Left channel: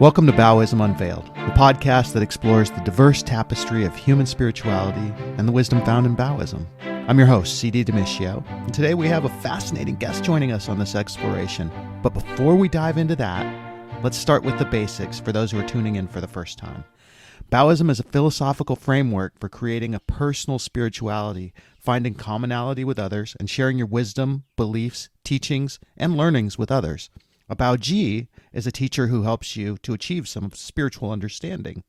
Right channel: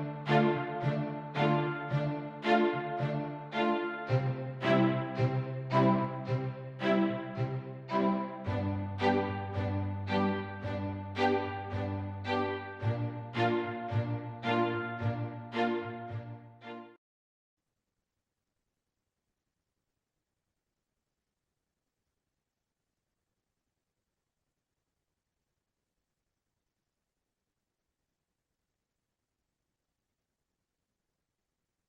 Welcome to Baoism Unveiled, a podcast that explores the diverse tapestry of human spirituality and the wisdom found in Baoism. I'm your host, C.D. Demiscio, and today we have a fascinating guest joining us on this exploration. But before we dive into that, let's start with the basics for those who are tuning in for the first time. Baoism is a philosophical framework for creating a personal spirituality, finding commonality with others, and sharing your wisdom, beliefs, teachings, and learnings with others. A Baoji is a teacher who helps you to achieve some spiritual understanding.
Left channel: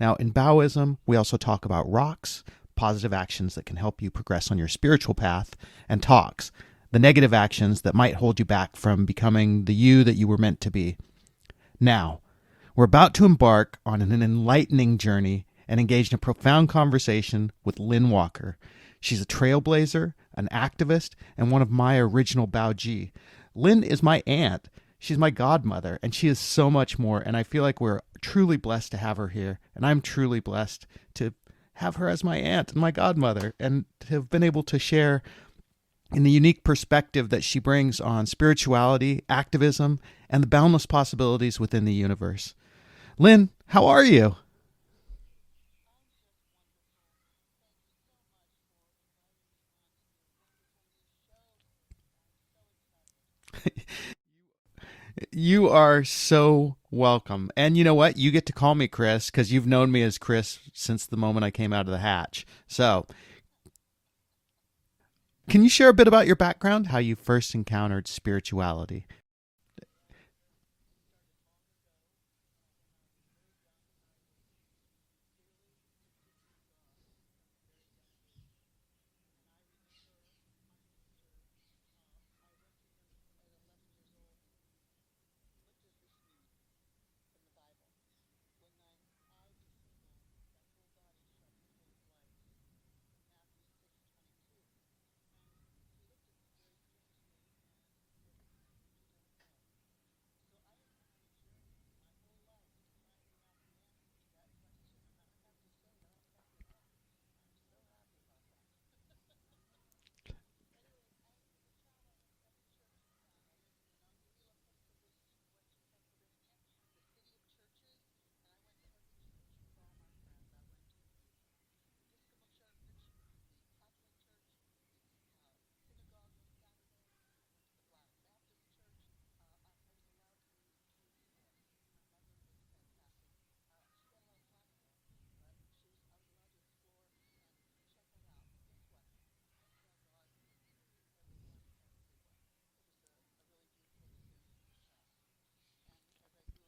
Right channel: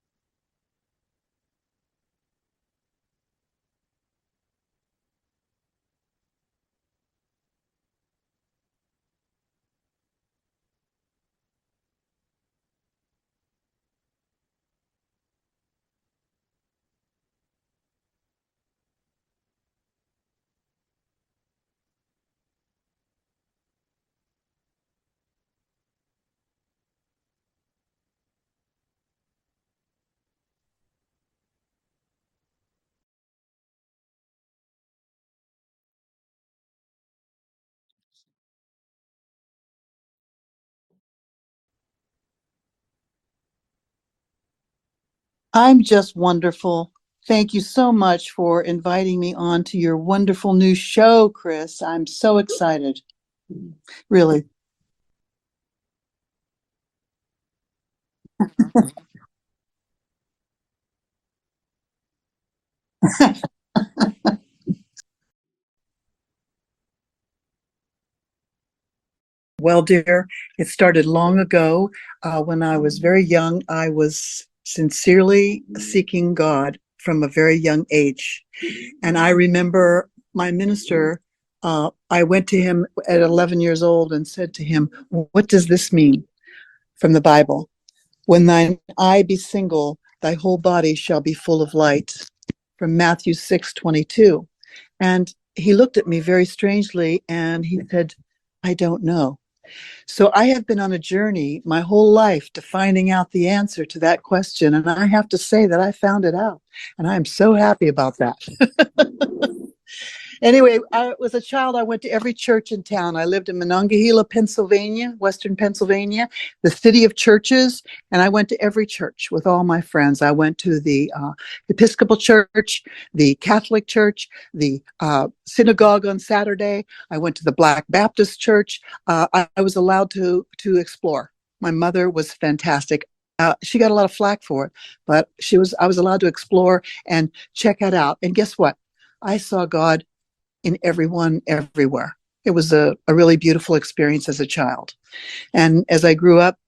Now, in Baoism, we also talk about rocks, positive actions that can help you progress on your spiritual path, and talks, the negative actions that might hold you back from becoming the you that you were meant to be. Now, we're about to embark on an enlightening journey and engage in a profound conversation with Lynn Walker. She's a trailblazer, an activist, and one of my original Baoji. Lynn is my aunt. She's my godmother, and she is so much more, and I feel like we're truly blessed to have her here, and I'm truly blessed to have her as my aunt and my godmother, and to have been able to share in the unique perspective that she brings on spirituality, activism, and the boundless possibilities within the universe. Lynn, how are you? I'm just wonderful. Thank you so much for inviting me on to your wonderful new show, Chris. I'm so excited. Really. You are so welcome. And you know what? You get to call me Chris because you've known me as Chris since the moment I came out of the hatch. So can you share a bit about your background, how you first encountered spirituality? Well, dear, it started long ago. When I was very young, I was sincerely seeking God from a very young age. And I remember my minister, I went to him at 11 years old and said to him, "What does this mean from the Bible? When thine eye be single, thy whole body shall be full of light," from Matthew 6:22. And he looked at me very strangely and he said, "I don't know." So I have been on a journey my whole life to finding out the answer to that question. And I have to say that I found it out. And I'm so happy about that. Anyway, I was a child. I went to every church in town. I lived in Monongahela, Pennsylvania, Western Pennsylvania, the city of churches. And I went to every church with all my friends. I went to the Episcopal Church, the Catholic Church, the synagogue on Saturday. I went to the Black Baptist Church. I was allowed to explore. My mother was fantastic. She got a lot of flack for it, but I was allowed to explore and check it out. And guess what? I saw God in everyone, everywhere. It was a really beautiful experience as a child. And as I grew up,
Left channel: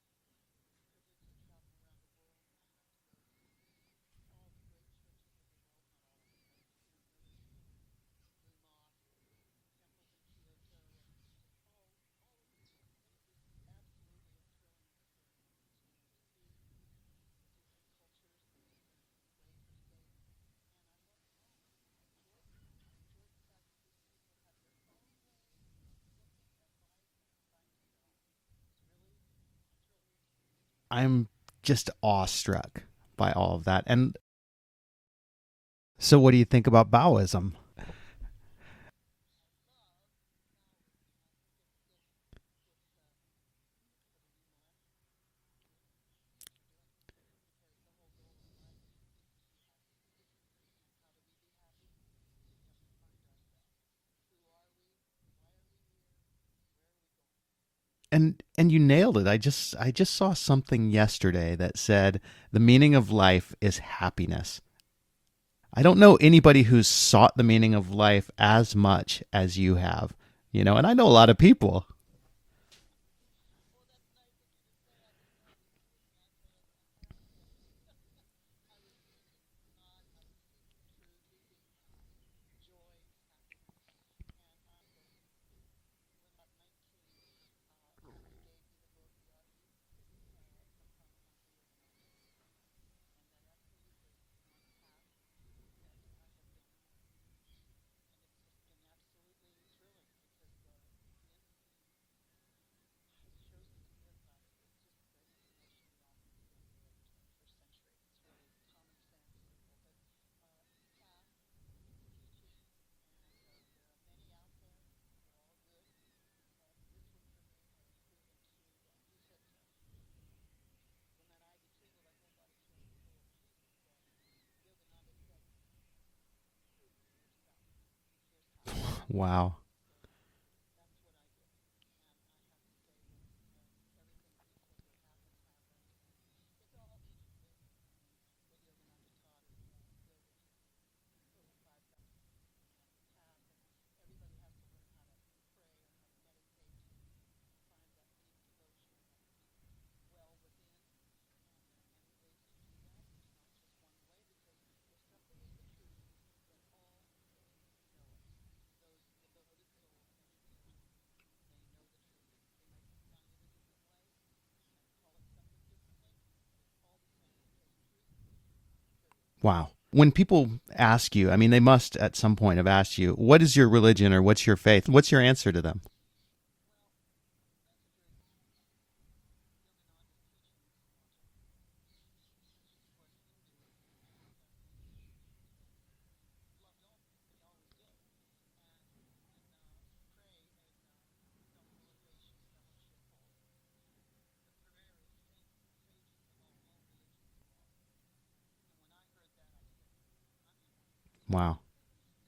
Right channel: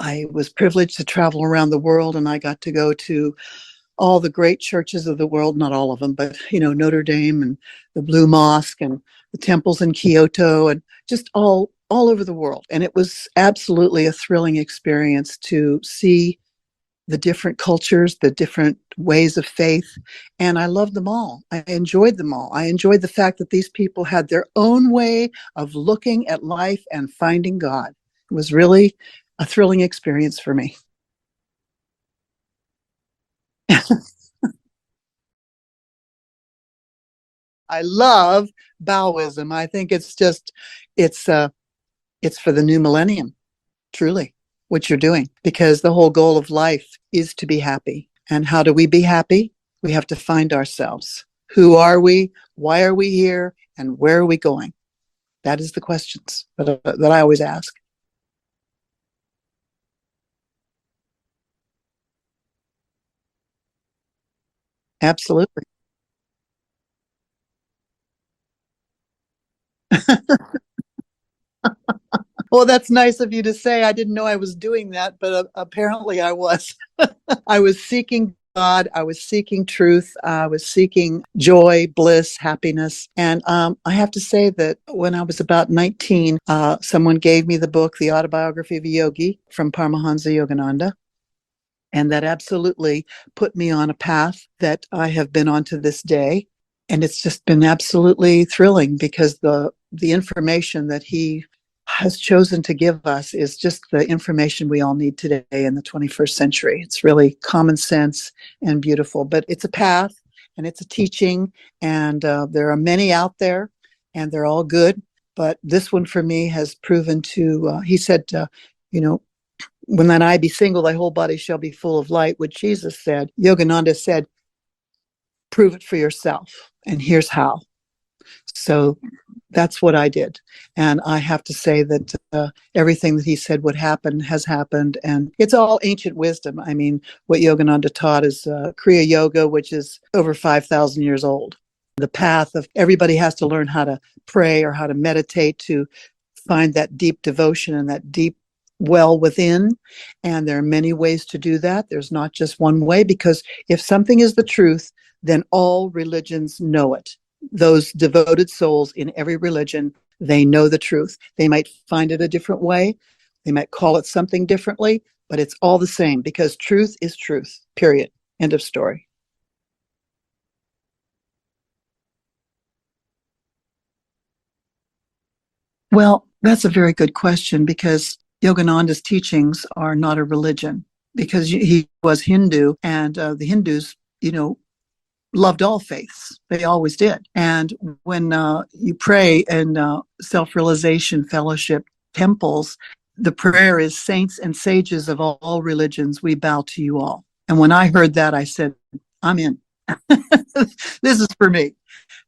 I was privileged to travel around the world, and I got to go to all the great churches of the world, not all of them, but, Notre Dame and the Blue Mosque and the temples in Kyoto and just all over the world. And it was absolutely a thrilling experience to see the different cultures, the different ways of faith. And I loved them all. I enjoyed them all. I enjoyed the fact that these people had their own way of looking at life and finding God. It was really a thrilling experience for me. I'm just awestruck by all of that. And so what do you think about Baoism? I love Baoism. I think it's for the new millennium, truly. What you're doing, because the whole goal of life is to be happy. And how do we be happy? We have to find ourselves. Who are we? Why are we here? And where are we going? That is the questions that I always ask. And you nailed it. I just saw something yesterday that said the meaning of life is happiness. Absolutely. I don't know anybody who's sought the meaning of life as much as you have, and I know a lot of people. Well, that's nice of you to say. I didn't know I was doing that, but apparently I was. I was seeking God. I was seeking truth. I was seeking joy, bliss, happiness. And I have to say that when I was about 19, someone gave me the book, The Autobiography of a Yogi from Paramahansa Yogananda. And that absolutely put me on a path that I have been on to this day. And it's just been absolutely thrilling because the information that he has chosen to give us is just the information we all need today in the 21st century. It's really common sense and beautiful, but it's a path and it's a teaching, and there are many out there and they're all good. But this one for me has proven to, he said, When thine eye be single, thy whole body shall be full of light, what Jesus said. Yogananda said, prove it for yourself. And here's how. So Wow. that's what I did. And I have to say that everything that he said would happen has happened. And it's all ancient wisdom. I mean, what Yogananda taught is Kriya Yoga, which is over 5,000 years old. The path of everybody has to learn how to pray or how to meditate to find that deep devotion and that deep well within. And there are many ways to do that. There's not just one way, because if something is the truth, then all religions know it. Those devoted souls in every religion, they know the truth. They might find it a different way. They might call it something differently, but it's all the same, because truth is truth, period. End of story. Wow. When people ask you, I mean, they must at some point have asked you, what is your religion or what's your faith? What's your answer to them? Well, that's a very good question, because Yogananda's teachings are not a religion, because he was Hindu, and the Hindus, loved all faiths. They always did. And when you pray in self-realization fellowship temples, the prayer is, saints and sages of all religions, we bow to you all. And when I heard that, I said, I'm in. This is for Wow. me,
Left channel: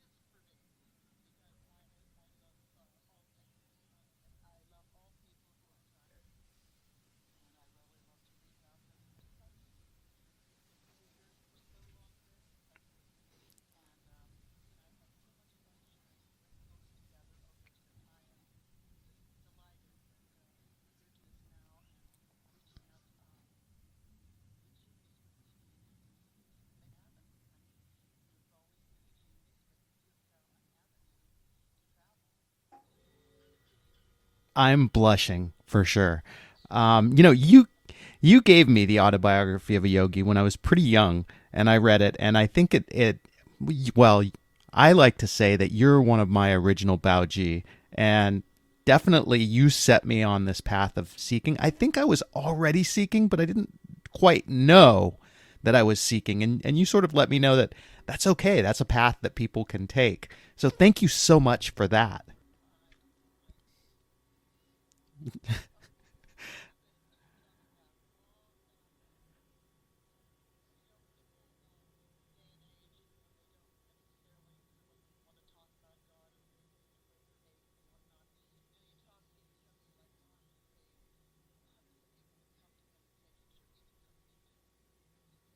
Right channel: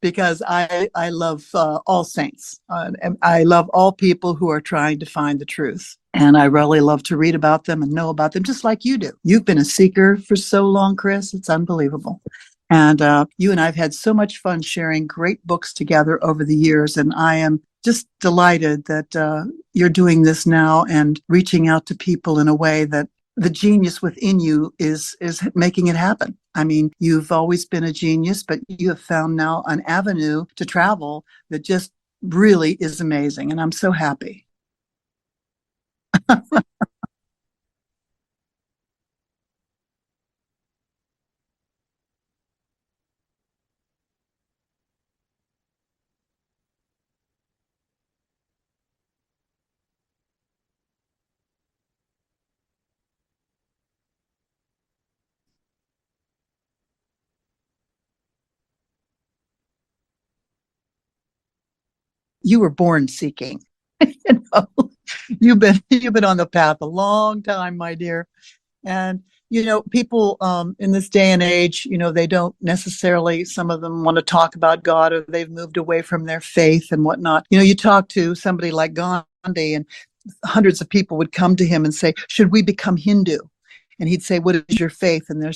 because I love all saints. And I love all people who are trying to find the truth. And I really love to read about them and know about them, just like you do. You've been a seeker for so long, Chris. It's unbelievable. And you and I have had so much fun sharing great books together over the years. And I am just delighted that you're doing this now and reaching out to people in a way that the genius within you is making it happen. I mean, you've always been a genius, but you have found now an avenue to travel that just really is amazing. And I'm so happy. I'm blushing for sure. You gave me the autobiography of a yogi when I was pretty young, and I read it, and I think well, I like to say that you're one of my original Baoji, and definitely you set me on this path of seeking. I think I was already seeking, but I didn't quite know that I was seeking, and you sort of let me know that that's okay. That's a path that people can take. So thank you so much for that. You were born seeking. you know, you've been on the path a long time, my dear. And people in this day and age, they don't necessarily, some of them want to talk about God, or they've moved away from their faith and whatnot. You talk to somebody like Gandhi, and hundreds of people would come to him and say, should we become Hindu? And he'd say, what is your faith? And they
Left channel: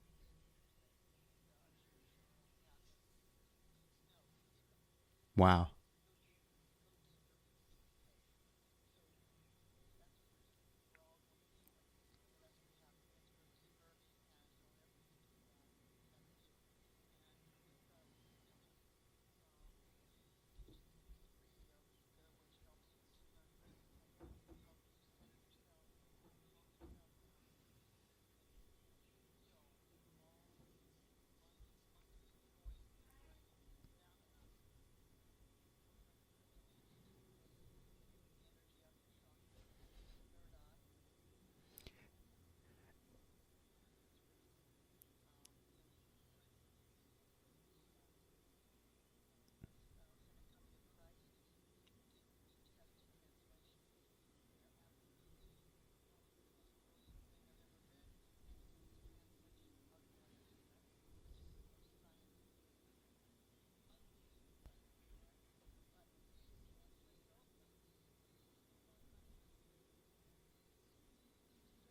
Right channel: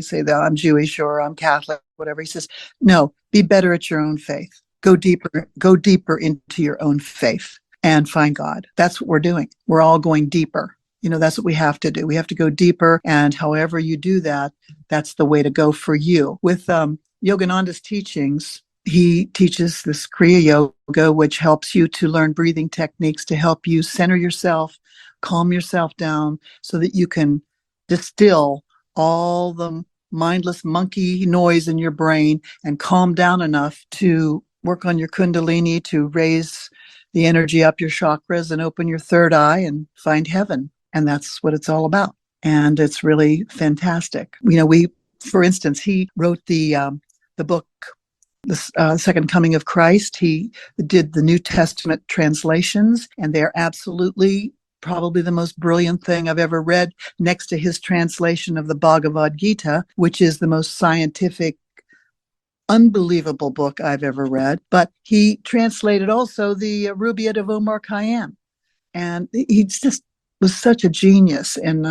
say that I'm Jewish or I'm Catholic, whatever. He says, no, be better at your own faith. Go Wow. deeper into your own faith and find God. That's what we're doing. We're all going deeper. That's what we have to do. We have to go deeper. And however you do that, that's the way to go for you. With Yogananda's teachings, he teaches this Kriya Yoga, which helps you to learn breathing techniques to help you center yourself, calm yourself down, so that you can distill all the mindless monkey noise in your brain and calm down enough to work on your kundalini, to raise the energy up your chakras and open your third eye and find heaven. And that's what it's all about. And it's really fantastic. For instance, he wrote the book, The Second Coming of Christ. He did the New Testament translations, and they're absolutely probably the most brilliant thing I've ever read, next to his translation of the Bhagavad Gita, which is the most scientific, unbelievable book I've ever read. But he translated also the Rubaiyat of Omar Khayyam. And he just was such a genius. And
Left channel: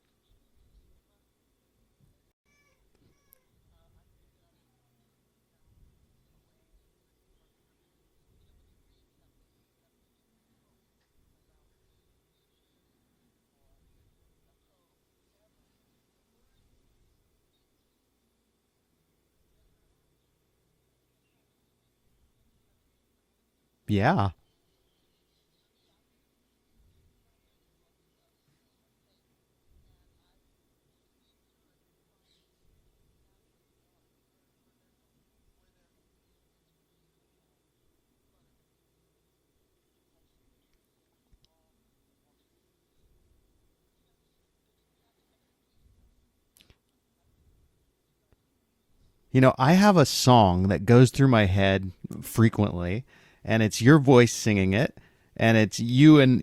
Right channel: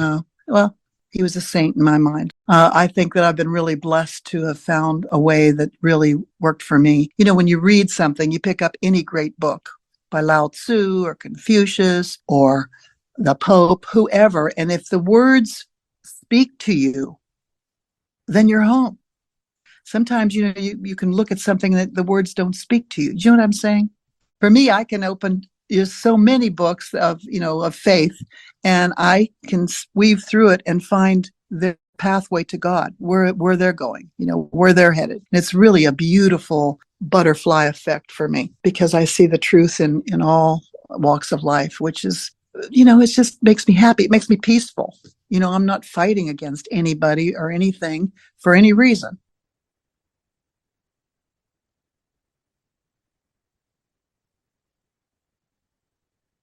he was a saint in my mind. I think that I've been really blessed to have found a way that really worked for me. When you read something, you pick up any great book by Lao Tzu or Confucius or the Pope, whoever, and if the words speak to you, then you're home. Sometimes, you can look at something that the words don't speak to you. Do you know what I'm saying? Yeah. For me, I can open so many books of faith, and I can weave through it and find the pathway to God, where they're going, where they're headed. And it's really a beautiful butterfly effect for me, because I see the truth in all walks of life, which is, it just makes me happy. It makes me peaceful. I'm not fighting against anybody or anything for any reason. I have a song that goes through my head frequently, and it's your voice singing it. and it's you and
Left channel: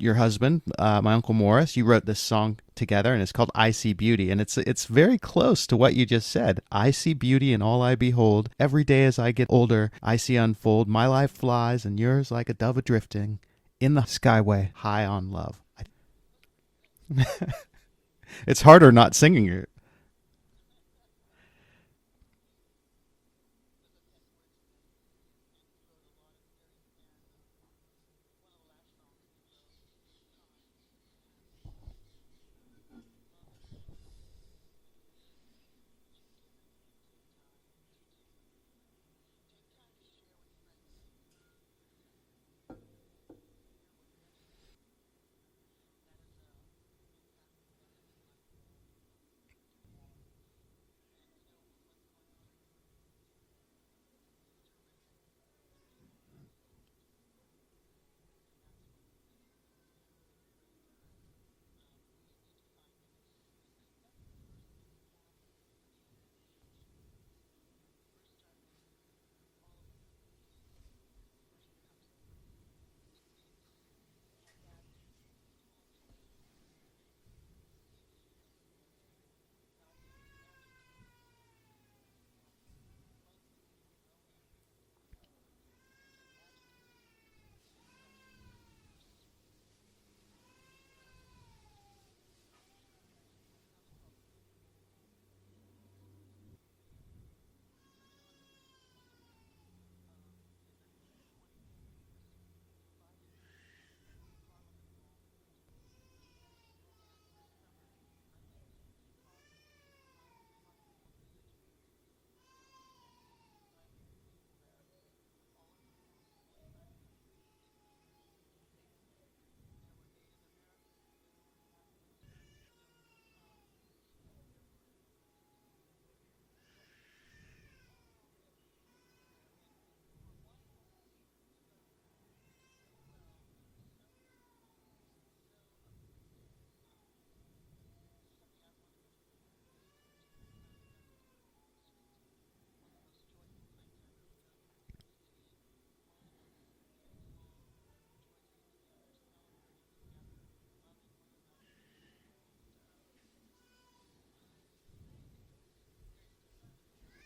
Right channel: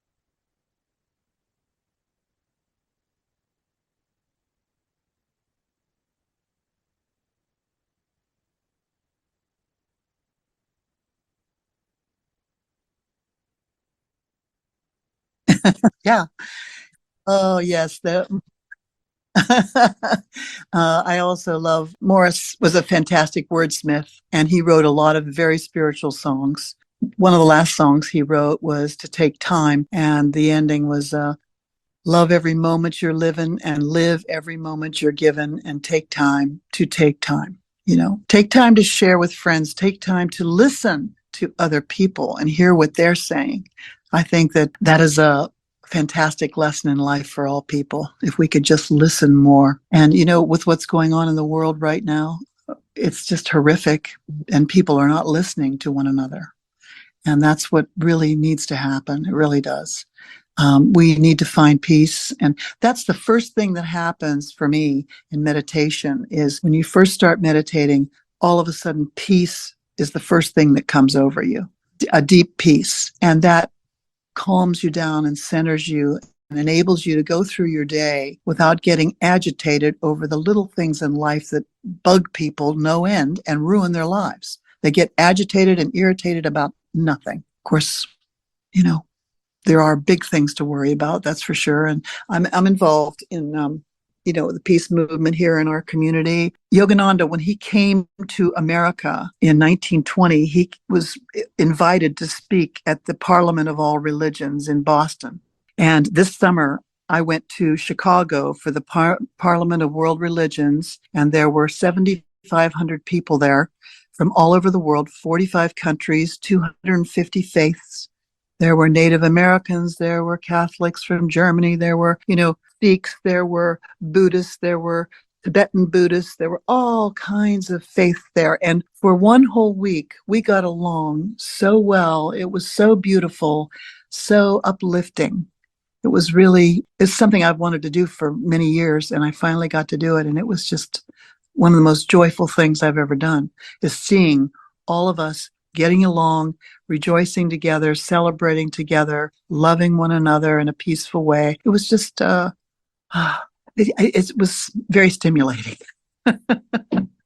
your husband, my Uncle Morris. You wrote this song together, and it's called "I See Beauty," and it's very close to what you just said. I see beauty in all I behold. Every day as I get older, I see unfold. My life flies, and yours like a dove adrifting in the skyway, high on love. Yeah. Oh, yes. It's harder not singing it. I also love Morris was a fantastic wordsmith, and he wrote a lot of very spiritual songs. One of the last songs he wrote was To Take Time, and the ending was love every moment you're living and live every moment you're given and take time to take time. Take time to share with friends, take time to listen to other people and hear what they're saying. I think that is a fantastic lesson in life for all people, if we could just listen more. And, with what's going on in the world right now, it's just horrific, and people are not listening to one another. And that's what really needs to happen. It really does. We need to find peace. And that's the first thing that happens for me in meditation is when you first start meditating, all of a sudden peace is the first thing that comes over you, a deep peace. And that calms you down and centers you and enables you to go through your day without getting agitated over the little things in life that bug people no end and ruin their lives. They get agitated and irritated about nothing. Of course, there are big things to worry about, that's for sure. And I'm involved in, the peace movement here in our community. Yogananda, when he came to America in 1920, he was invited to speak at the Parliament of All Religions in Boston. And this summer, I went to Chicago for the Parliament of World Religions, and there were 7,500 people there from all over the world, 45 countries, 250 faiths. There were Native Americans, there were Catholics from Germany, there were, Sikhs, there were Buddhists, there were Tibetan Buddhists, there were all kinds of faith there. And for one whole week, we got along so well. It was so beautiful, so uplifting. It's something I've wanted to do for many years, and I finally got to do it. And it was just one of the most joyful things I've ever done, is seeing all of us getting along, rejoicing together, celebrating together, loving one another in a peaceful way. It was just, it was very stimulating.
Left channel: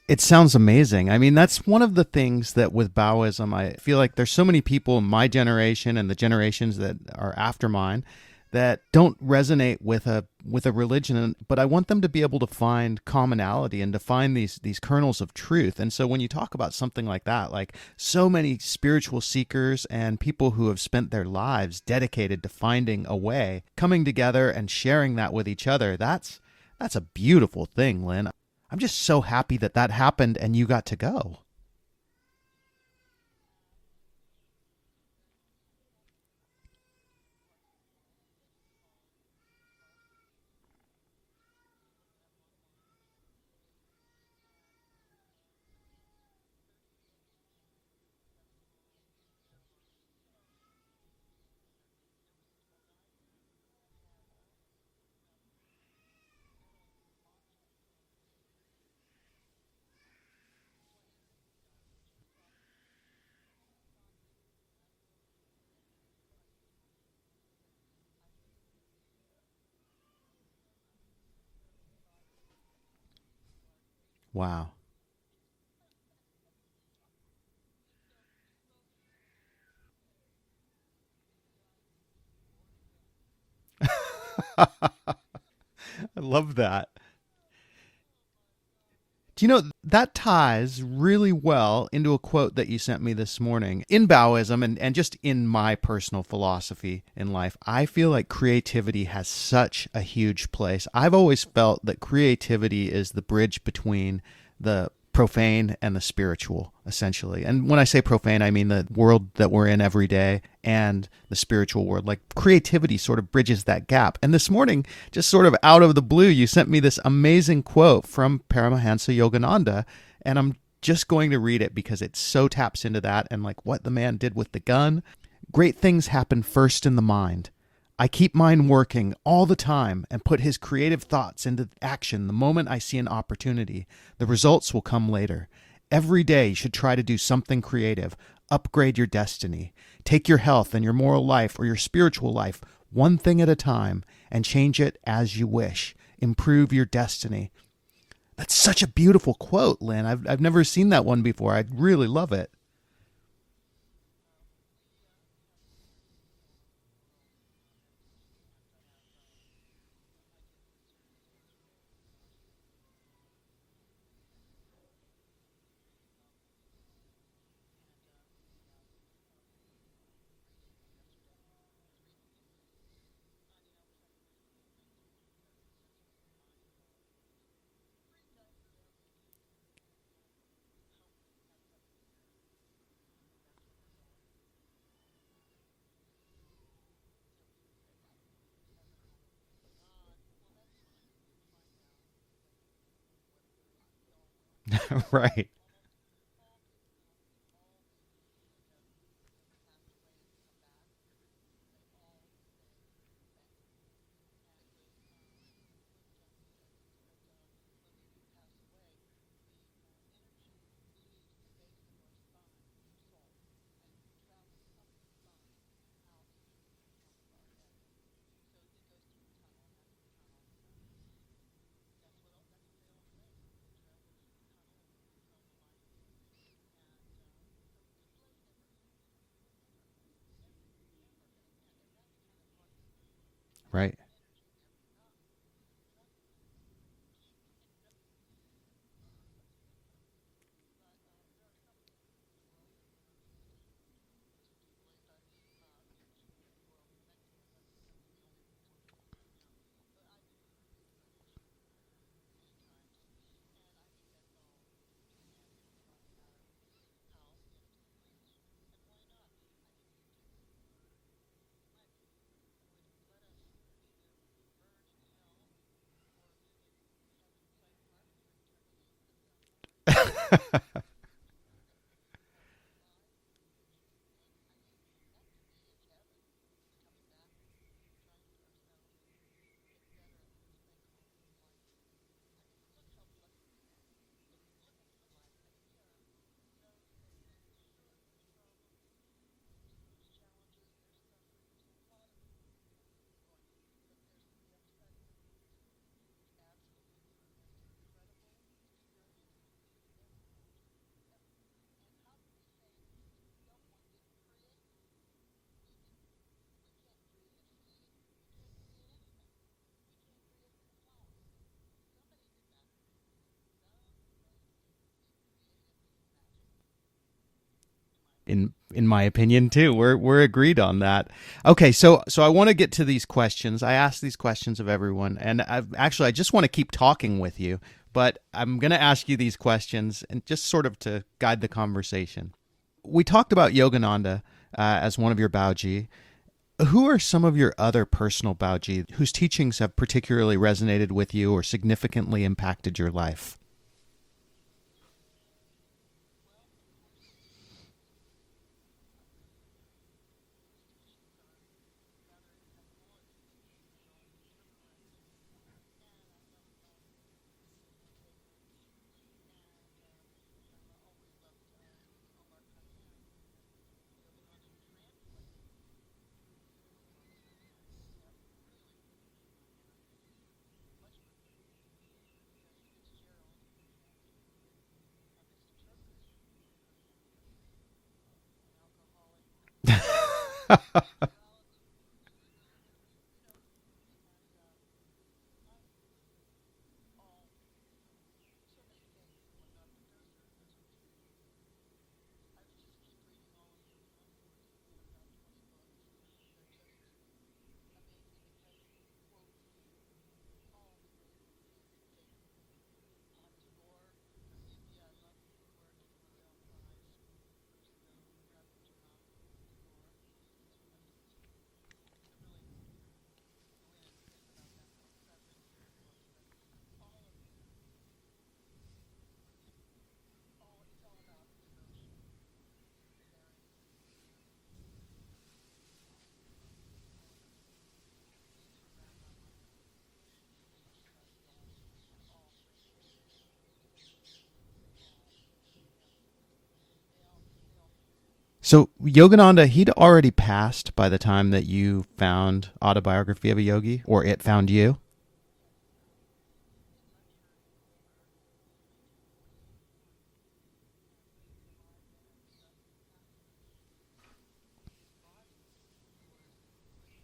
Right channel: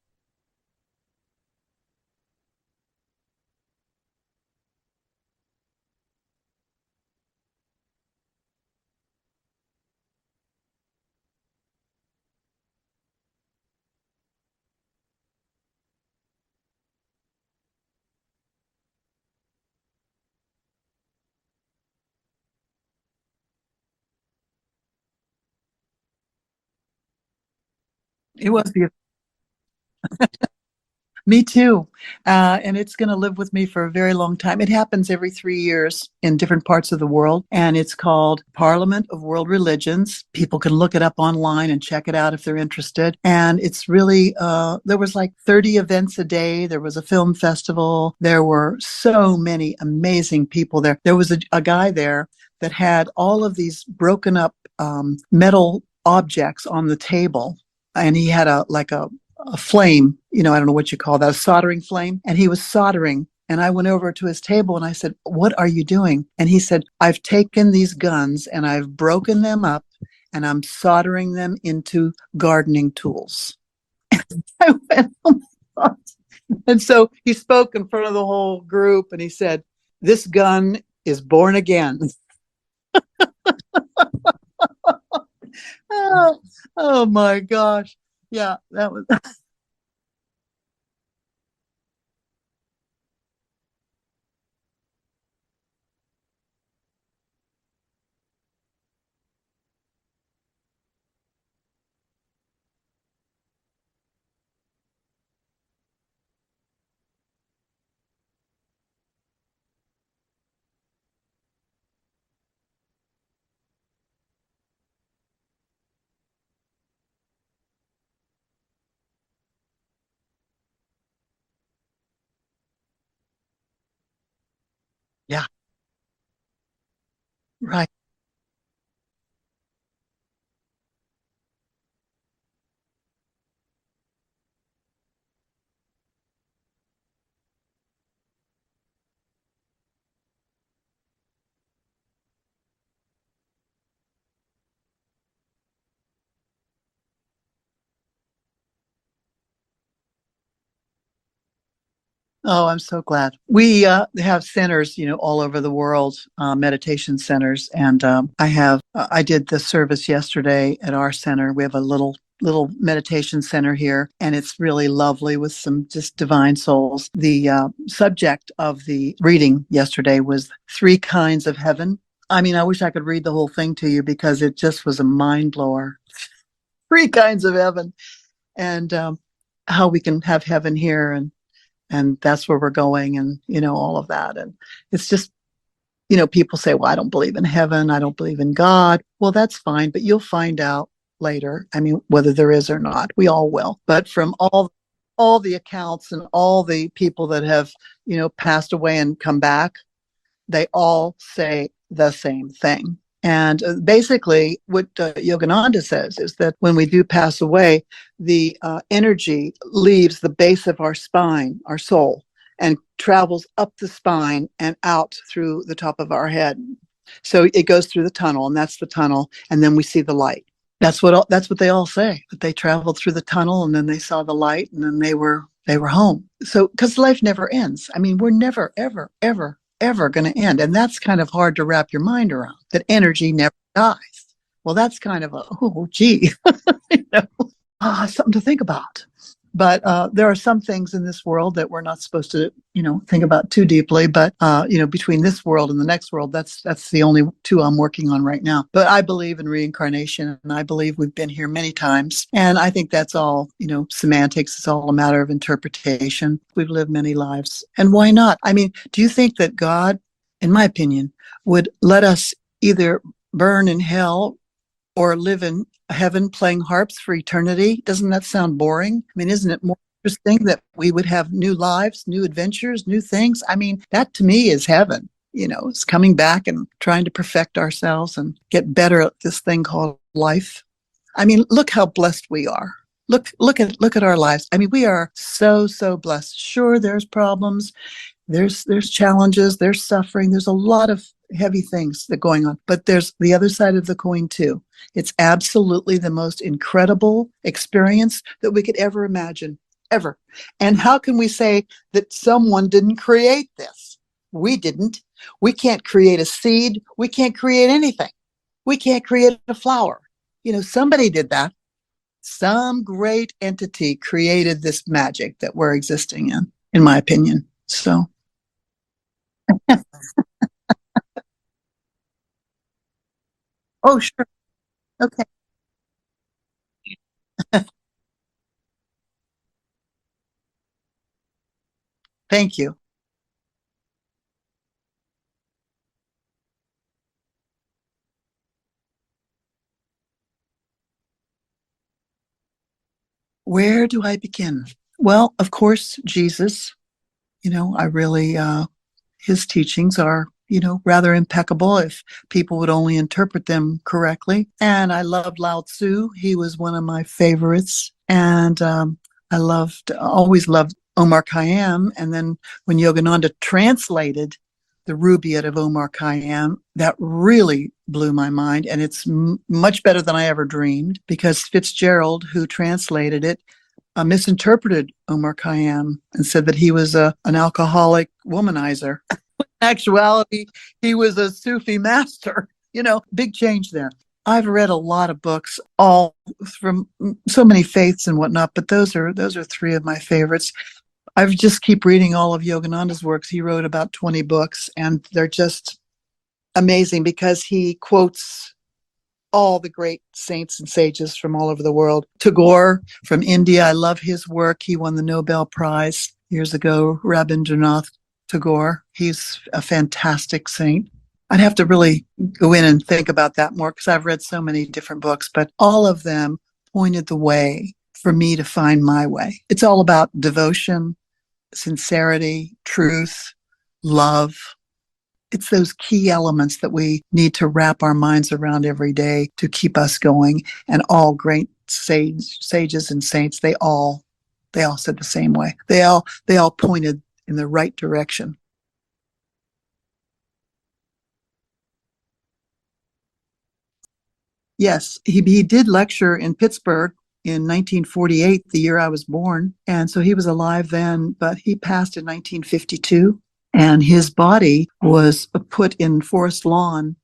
It sounds amazing. I mean, that's one of the things that with Baoism, I feel like there's so many people in my generation and the generations that are after mine that don't resonate with a religion, but I want them to be able to find commonality and to find these kernels of truth. And so when you talk about something like that, like so many spiritual seekers and people who have spent their lives dedicated to finding a way, coming together and sharing that with each other, that's a beautiful thing, Lynn. It was I'm just so happy that happened and you got to go. Me too. And it's going to live with me for a very long time. It happens every 3 years in different parts of the world. And it's called Parliament of World Religions. People can look it up online and check it out if they're interested. And it's really, there was like 30 events a day. There was a film festival. There were so many amazing people there. There was a guy there that had all of these broken up metal objects on the table, and he had a flame, I don't know what you call that, a soldering flame, and he was soldering. And I went over to his table and I said, "What are you doing?" And he said, "I've taken these guns and I've broken them up and I'm soldering them into gardening tools." Wow. I went, "Oh my God." And so he spoke in front of the whole group and he said, "This gun is born again." Love that. Oh my gosh. Yeah, that was. Do you know, that ties really well into a quote that you sent me this morning. In Baoism and just in my personal philosophy in life, I feel like creativity has such a huge place. I've always felt that creativity is the bridge between the profane and the spiritual, essentially. And when I say profane, I mean the world that we're in every day and the spiritual world. Like creativity sort of bridges that gap. And this morning, just sort of out of the blue, you sent me this amazing quote from Paramahansa Yogananda, and I'm just going to read it because it so taps into that and like what the man did with the gun. Yeah. Great things happen first in the mind. Right. I keep mine working all the time and put his creative thoughts into action the moment I see an opportunity. The results will come later. Every day you should try to do something creative. Upgrade your destiny. Take your health and your moral life or your spiritual life one thing at a time and change it as you wish. Improve your destiny. That's such a beautiful quote, Lynn. I've never seen that one before. I really love it. Oh, I'm so glad. We have centers, all over the world, meditation centers. And I did the service yesterday at our center. We have a little meditation center here, and it's really lovely with some just divine souls. The subject of the reading yesterday was three kinds of heaven. I mean, I wish I could read the whole thing to you because it just was a mind blower. Three kinds of heaven, and how we can have heaven here, and that's where we're going, and all of that. And it's just, people say, well, I don't believe in heaven, I don't believe in God. Well, that's fine, but you'll find out later. I mean, whether there is or not, we all will. But from all Right. the accounts and all the people that have passed away and come back, they all say the same thing. And basically, what Yogananda says is that when we do pass away, the energy leaves the base of our spine, our soul, and travels up the spine and out through the top of our head. So it goes through the tunnel, and that's the tunnel, and then we see the light. That's what they all say, that they traveled through the tunnel, and then they saw the light, and then they were home. So because life never ends. I mean, we're never, ever, ever going to end. And that's kind of hard to wrap your mind around, that energy never Right. dies. Well, that's kind of something to think about. But there are some things in this world that we're not supposed to, think about too deeply. But, between this world and the next world, that's the only two I'm working on right now. But I believe in reincarnation, and I believe we've been here many times. And I think that's all, semantics. It's all a matter of interpretation. We've lived many lives. And why not? I mean, do you think that God, in my opinion, would let us either burn in hell or live in heaven playing harps for eternity? Doesn't that sound boring? I mean, isn't it more interesting that we would have new lives, new adventures, new things? I mean, that to me is heaven. It's coming back and trying to perfect ourselves and get better at this thing called life. I mean, look how blessed we are. Look at our lives. I mean, we are so blessed. Sure, there's problems, there's challenges, there's suffering, there's a lot of heavy things that are going on, but there's the other side of the coin too. It's absolutely the most incredible experience that we could ever imagine, ever. And how can we say that someone didn't create this? We didn't. We can't create a seed. We can't create anything. We can't create a flower. Somebody did that. Some great entity created this magic that we're existing in my opinion. So In my opinion too, we're agreed on that. Okay, so I want to get to these questions. I ask these sure. questions of everyone, Okay. and I just want to keep talking with you, but I'm going to ask you these questions and just sort of to guide the conversation. Thank you. We talked about Yogananda as one of your Baoji. Who are some of your other personal Baoji whose teachings have particularly resonated with you or significantly impacted your life? Where do I begin? Well, of course, Jesus. I really, his teachings are, rather impeccable if people would only interpret them correctly. And I loved Lao Tzu. He was one of my favorites. And I always loved Omar Khayyam. And then when Yogananda translated the Rubaiyat of Omar Khayyam, that really blew my mind. And it's much better than I ever dreamed, because Fitzgerald, who translated it, misinterpreted Omar Khayyam and said that he was an alcoholic womanizer. In actuality, he was a Sufi master. Big change there. I've read a lot of books, all from so many faiths and whatnot, but those are three of my favorites. I just keep reading all of Yogananda's works. He wrote about 20 books, and they're just amazing because he quotes all the great saints and sages from all over the world. Tagore from India, I love his work. He won the Nobel Prize years ago, Rabindranath Tagore. He's a fantastic saint. I'd have to really go in and think about that more because I've read so many different books, but all of them pointed the way for me to find my way. It's all about devotion, sincerity, truth, love. It's those key elements that we need to wrap our minds around every day to keep us going. And all great sages and saints, they all said the same way. They all pointed in the right direction. So Yogananda, he'd already passed by the time that you found Autobiography of a Yogi, or it found you? Yes, he did lecture in Pittsburgh in 1948, the year I was born. And so he was alive then, but he passed in 1952. And his body was put in Forest Lawn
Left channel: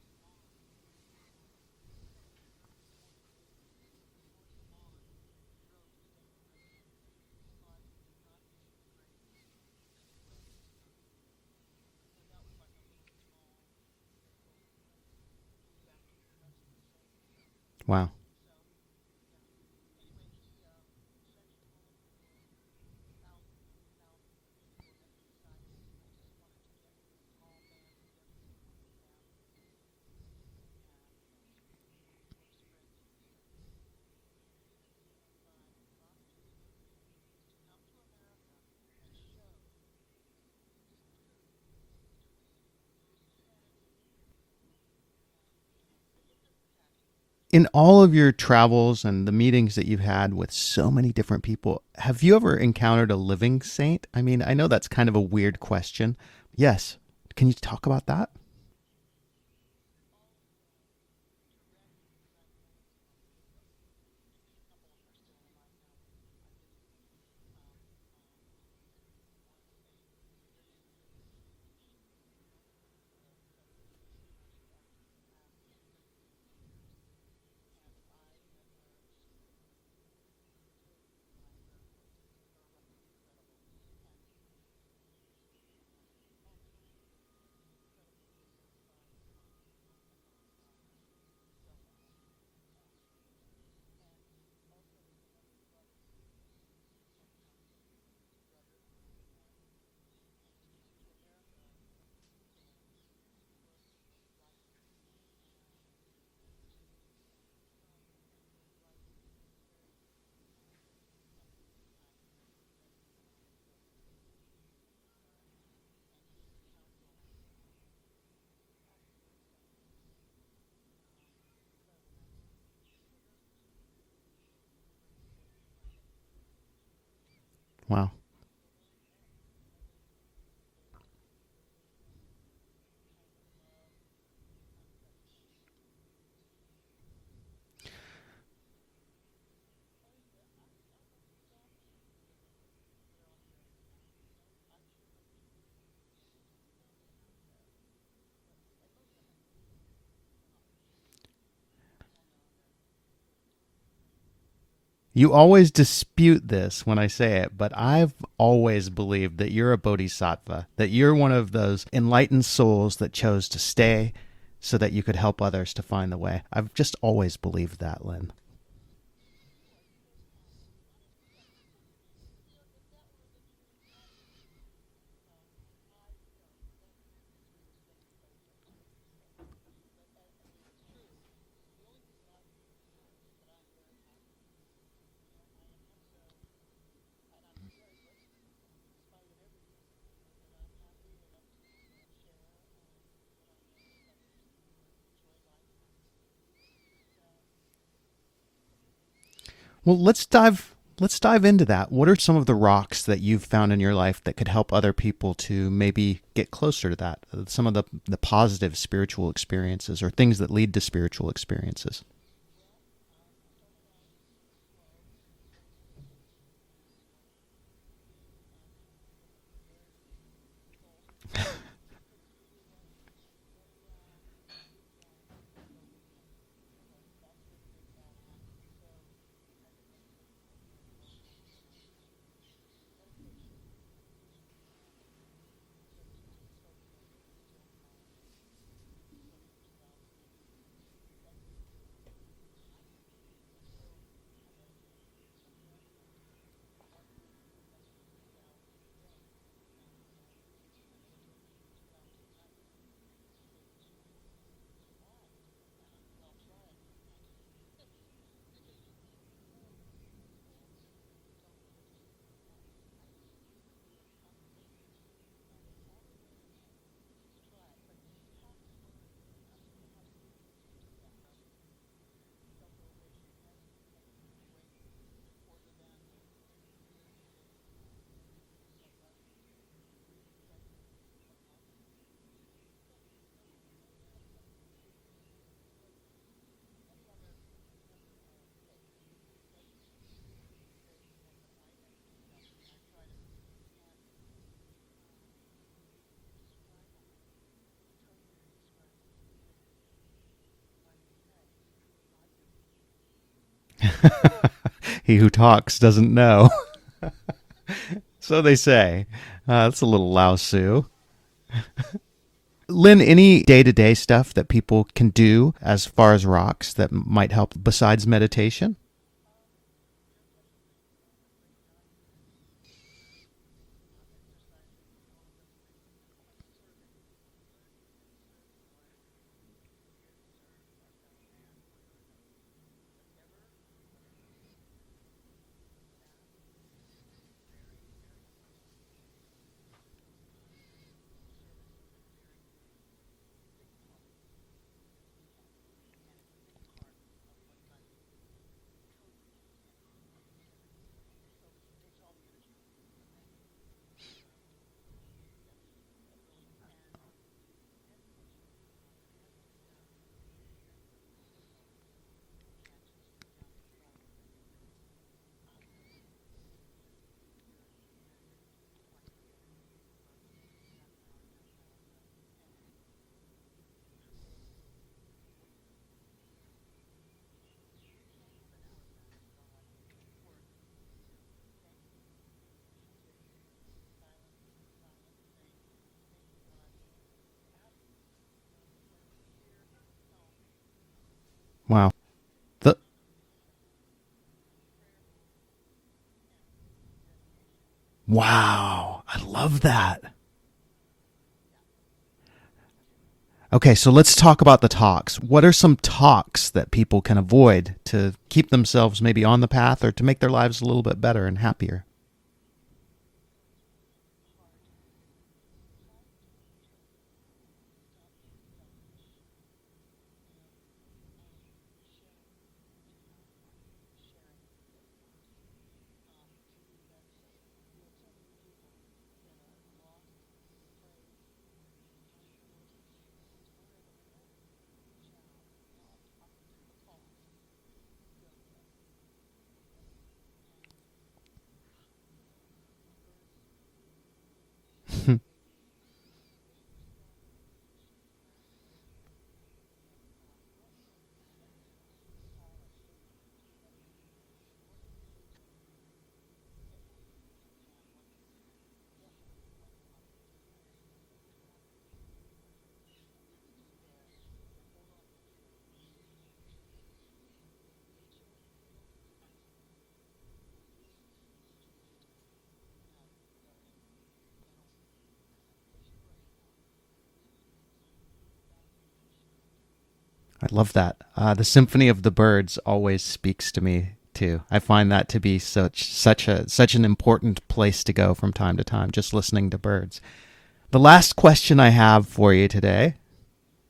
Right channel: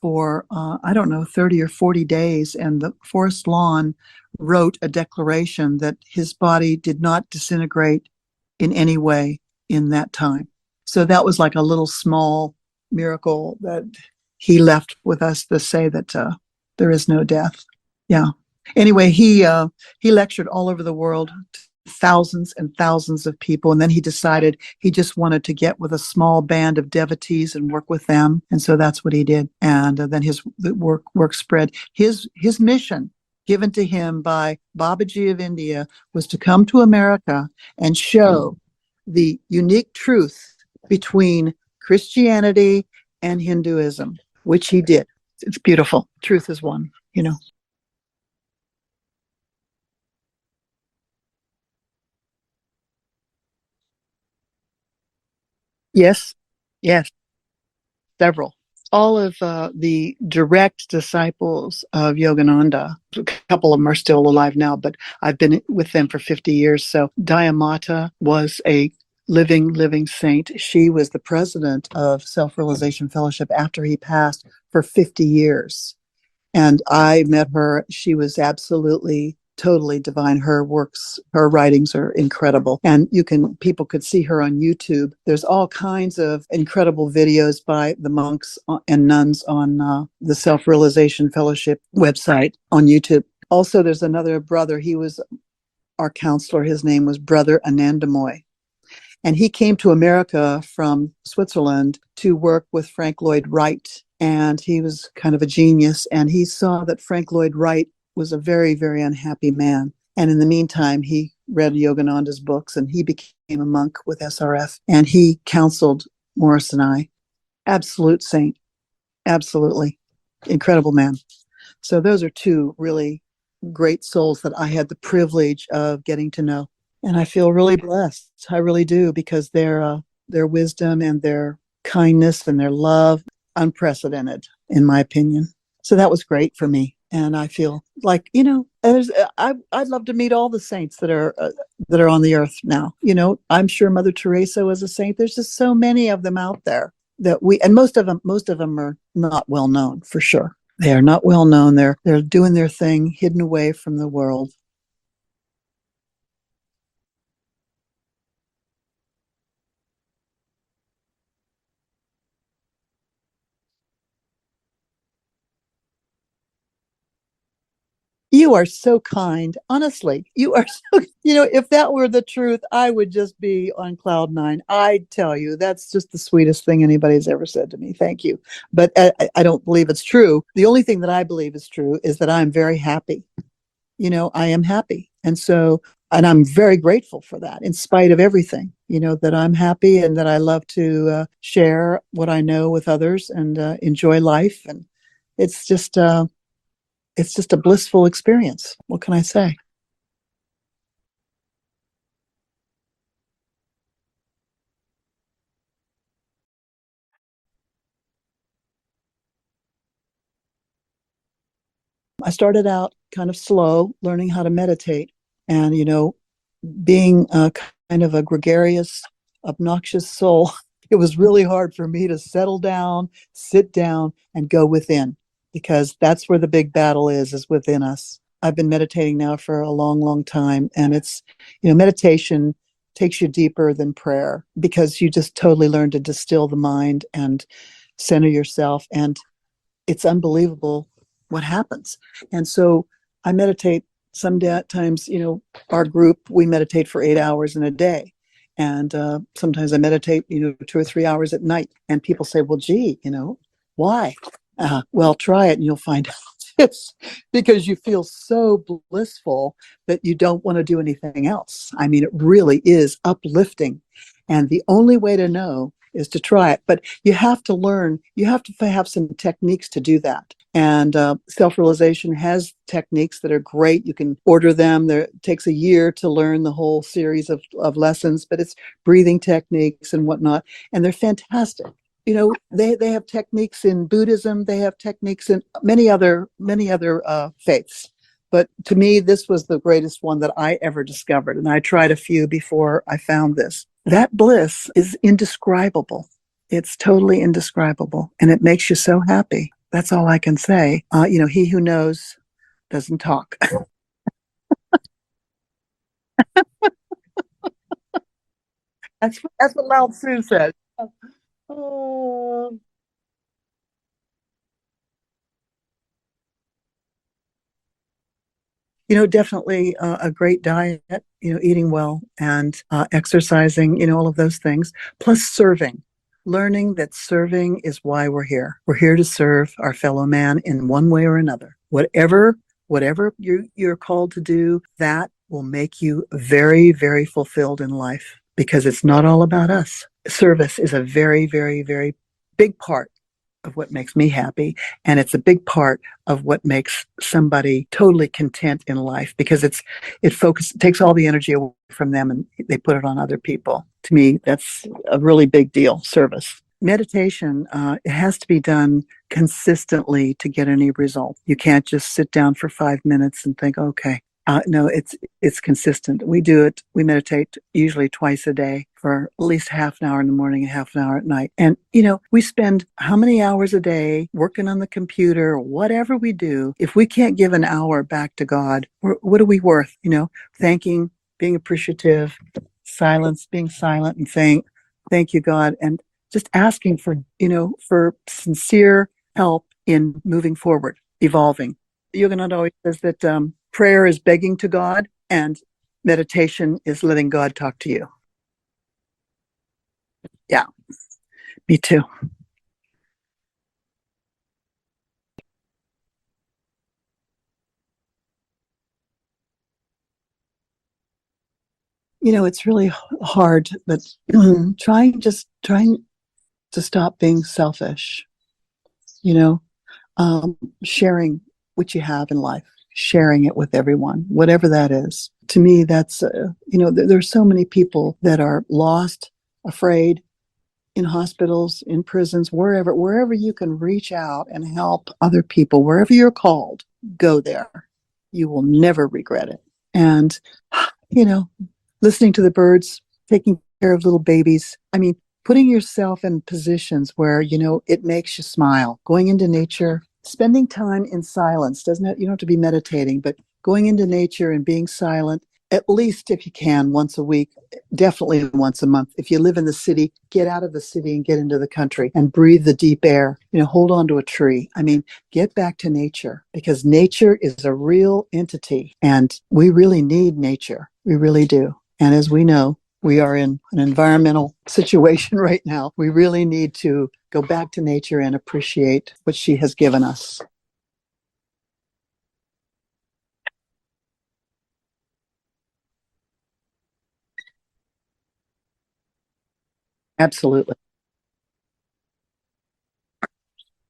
for, I don't know, 30 or 40 days. And the Forest Lawn wrote a declaration that his body did not disintegrate in any way in that time. So that was like a little small miracle that he left with us to say that there is no death. Wow. Yeah. Anyway, he lectured all over the world, thousands and thousands of people, and then he decided he just wanted to get with a small band of devotees and work with them, and so that's what he did. And then his work spread. His mission given to him by Babaji of India was to come to America and show the unique truth between Christianity and Hinduism, which he did. It's beautiful. Truth is one, you know. In all of your travels and the meetings that you've had with so many different people, have you ever encountered a living saint? I mean, I know that's kind of a weird question. Yes. Yes. Yes. Can you talk about that? Several. All of the direct disciples of Yogananda, a couple of them are still alive now, but I've been with them for 50 years. So Dayamata was a living saint. She was the president of Self-Realization Fellowship after he passed for 50 years. And I met her. She was absolutely, totally divine. Her works, her writings are incredible. And people could see her on YouTube. There's all kinds of incredible videos by the monks and nuns on the Self-Realization Fellowship website on YouTube. Also, there's another brother. He was our counselor. His name was Brother Anandamoy. And he came to America from Switzerland to work with Frank Lloyd Wright. And he was kind of a genius. And he saw that Frank Lloyd Wright was a very, very unhappy man. And in the meantime, he read Yogananda's books and he became a monk with SRF. And he counseled Morris and I. Absolute saint. Absolutely. Incredible man. So those are two really great souls that I had the privilege of getting to know. And I feel really blessed. Wow. I really do, because their wisdom and their kindness and their love, unprecedented, in my opinion. So that was great for me. And I feel like, you know, I'd love to meet all the saints that are on the earth now. You know, I'm sure Mother Teresa was a saint. There's just so many of them out there that and most of them are not well known, for sure. They are not well known. They're doing their thing, hidden away from the world. You always dispute this when I say it, but I've always believed that you're a bodhisattva, that you're one of those enlightened souls that chose to stay so that you could help others to find the way. I've just always believed that, Lynn. You are so kind. Honestly, you are so, you know, if that were the truth, I would just be on cloud nine. I tell you, that's just the sweetest thing anybody's ever said to me. Thank you. But I don't believe it's true. The only thing that I believe is true is that I'm very happy. You know, I am happy. And I'm very grateful for that, in spite of everything, you know, that I'm happy and that I love to share what I know with others and enjoy life. And it's just a blissful experience. What can I say? Well, let's dive into that. What are some of the rocks that you've found in your life that could help other people to maybe get closer to that? Some of the positive spiritual experiences or things that lead to spiritual experiences. I started out kind of slow, learning how to meditate. And, you know, being kind of a gregarious, obnoxious soul, it was really hard for me to settle down, sit down, and go within, because that's where the big battle is within us. I've been meditating now for a long, long time. And it's, you know, meditation takes you deeper than prayer, because you just totally learn to distill the mind and center yourself. And it's unbelievable what happens. And so I meditate sometimes, you know, our group, we meditate for 8 hours in a day. And sometimes I meditate, you know, 2 or 3 hours at night. And people say, well, gee, you know, why? Well, try it and you'll find out. It's because you feel so blissful that you don't want to do anything else. I mean, it really is uplifting. And the only way to know is to try it. But you have to learn, you have to have some techniques to do that. And self-realization has techniques that are great. You can order them. It takes a year to learn the whole series of lessons, but it's breathing techniques and whatnot. And they're fantastic. They have techniques in Buddhism. They have techniques in many other faiths. But to me, this was the greatest one that I ever discovered. And I tried a few before I found this. That bliss is indescribable. It's totally indescribable. And it makes you so happy. That's all I can say. He who knows doesn't talk. He who talks doesn't know. So they say. That's what That's a Lao little Tzu Lao said. Tzu. Lynn, any day-to-day stuff that people can do as far as rocks that might help besides meditation? Definitely a great diet, eating well and exercising, all of those things, plus serving. Learning that serving is why we're here. We're here to serve our fellow man in one way or another. Whatever you're called to do, that will make you very, very fulfilled in life because it's not all about us. Service is a very, very, very big part of what makes me happy. And it's a big part of what makes somebody totally content in life because it takes all the energy away from them and they put it on other people. To me, that's a really big deal, service. Meditation, it has to be done consistently to get any result. You can't just sit down for 5 minutes and think, okay. No, it's consistent. We meditate usually twice a day for at least half an hour in the morning and half an hour at night. And, we spend how many hours a day working on the computer, whatever we do. If we can't give an hour back to God, what are we worth? Thanking, being appreciative, silence, being silent and saying, thank you, God. And just asking for sincere help in moving forward, evolving. Wow. Yogananda always says that prayer is begging to God and meditation is letting God talk to you. Wow. I love that. Yeah, me too. Okay, so let's talk about the talks. What are some talks that people can avoid to keep themselves maybe on the path or to make their lives a little bit better and happier? It's really hard, but trying to stop being selfish, sharing what you have in life, sharing it with everyone, whatever that is. To me, that's, there's so many people that are lost, afraid, in hospitals, in prisons, wherever you can reach out and help other people, wherever you're called, go there. You will never regret it. And, listening to the birds, taking care of little babies. I mean, putting yourself in positions where, it makes you smile, going into nature, spending time in silence. You don't have to be meditating, but going into nature and being silent, at least if you can, once a week, definitely once a month. If you live in the city, get out of the city and get into the country and breathe the deep air, hold on to a tree. I mean, get back to nature because nature is a real entity and we really need nature. We really do. And as we know, we are in an environmental situation right now. We really need to go back to nature and appreciate what she has given us. I love that. The symphony of the birds always speaks to me too. I find that to be such an important place to go from time to time, just listening to birds. Absolutely. The last question I have for you today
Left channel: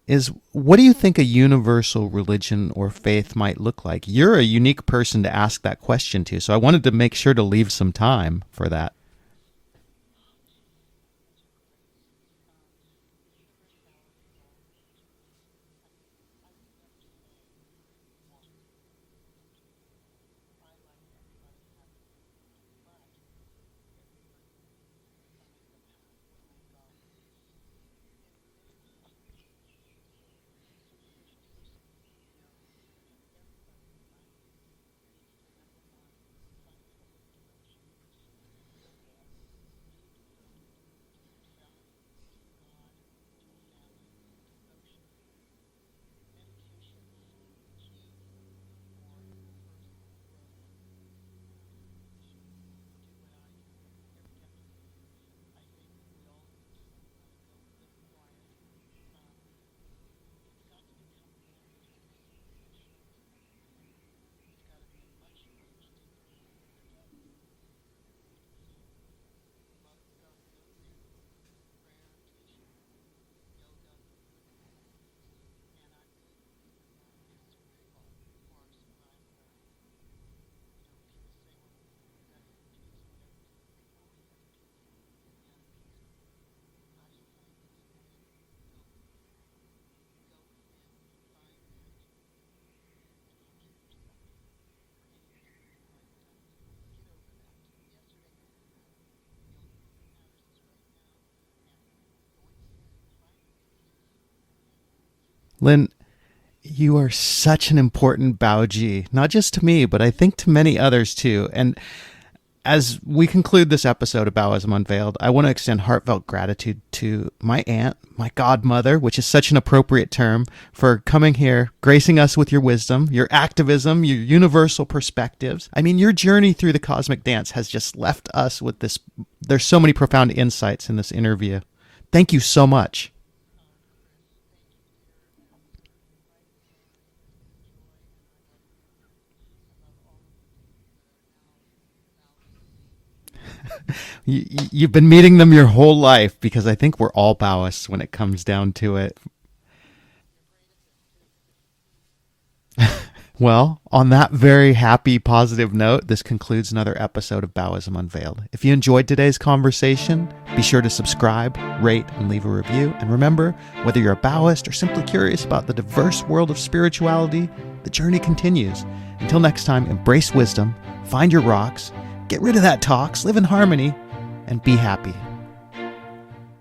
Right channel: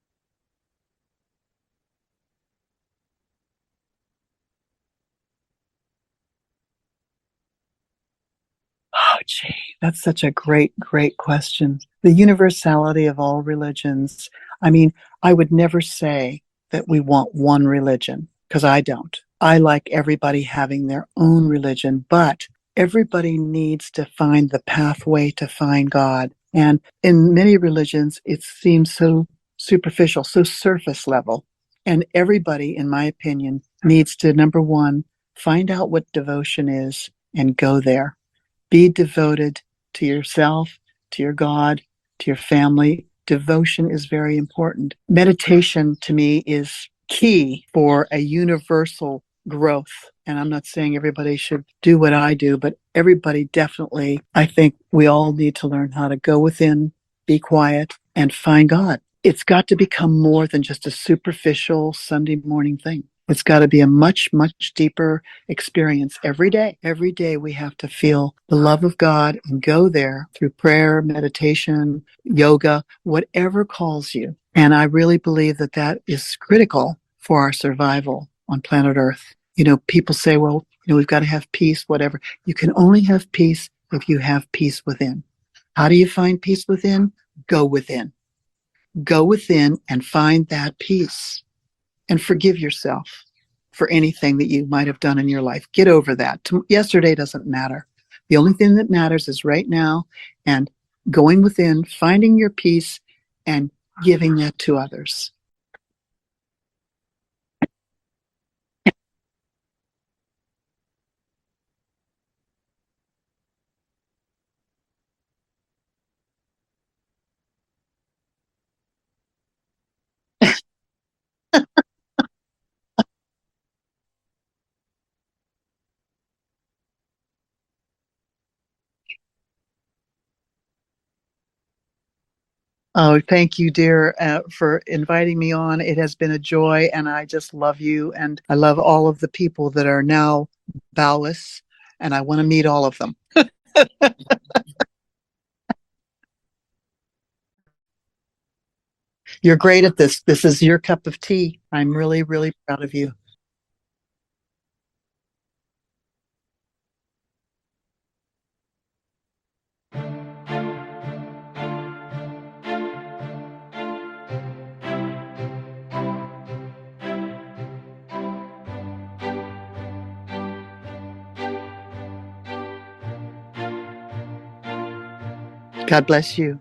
is, what do you think a universal religion or faith might look like? You're a unique person to ask that question to, so I wanted to make sure to leave some time for that. Oh, gee, that's such a great, great question. The universality of all religions. I mean, I would never say that we want one religion because I don't. I like everybody having their own religion, but everybody needs to find the pathway to find God. And in many religions, it seems so superficial, so surface level. And everybody, in my opinion, needs to, number one, find out what devotion is and go there. Be devoted to yourself, to your God, to your family. Devotion is very important. Meditation to me is key for a universal growth. And I'm not saying everybody should do what I do, but everybody definitely, I think we all need to learn how to go within, be quiet, and find God. It's got to become more than just a superficial Sunday morning thing. It's got to be a much, much deeper experience every day. Every day we have to feel the love of God and go there through prayer, meditation, yoga, whatever calls you. And I really believe that that is critical for our survival on planet Earth. People say, well, we've got to have peace, whatever. You can only have peace if you have peace within. How do you find peace within? Go within. Go within and find that peace and forgive yourself for anything that you might have done in your life. Get over that. Yesterday doesn't matter. The only thing that matters is right now, and going within, finding your peace, and giving that to others. Lynn, you are such an important Baoji, not just to me, but I think to many others too. And as we conclude this episode of Baoism Unveiled, I want to extend heartfelt gratitude to my aunt, my godmother, which is such an appropriate term, for coming here, gracing us with your wisdom, your activism, your universal perspectives. I mean, your journey through the cosmic dance has just left us with this. There's so many profound insights in this interview. Thank you so much. Oh, thank you, dear, for inviting me on. It has been a joy, and I just love you. And I love all of the people that are now Baoists, and I want to meet all of them. You've been meeting them your whole life, because I think we're all Baoists when it comes down to it. You're great at this. This is your cup of tea. I'm really, really proud of you. Well, on that very happy, positive note, this concludes another episode of Baoism Unveiled. If you enjoyed today's conversation, be sure to subscribe, rate, and leave a review. And remember, whether you're a Baoist or simply curious about the diverse world of spirituality, the journey continues. Until next time, embrace wisdom, find your rocks, get rid of that tox, live in harmony, and be happy. God bless you.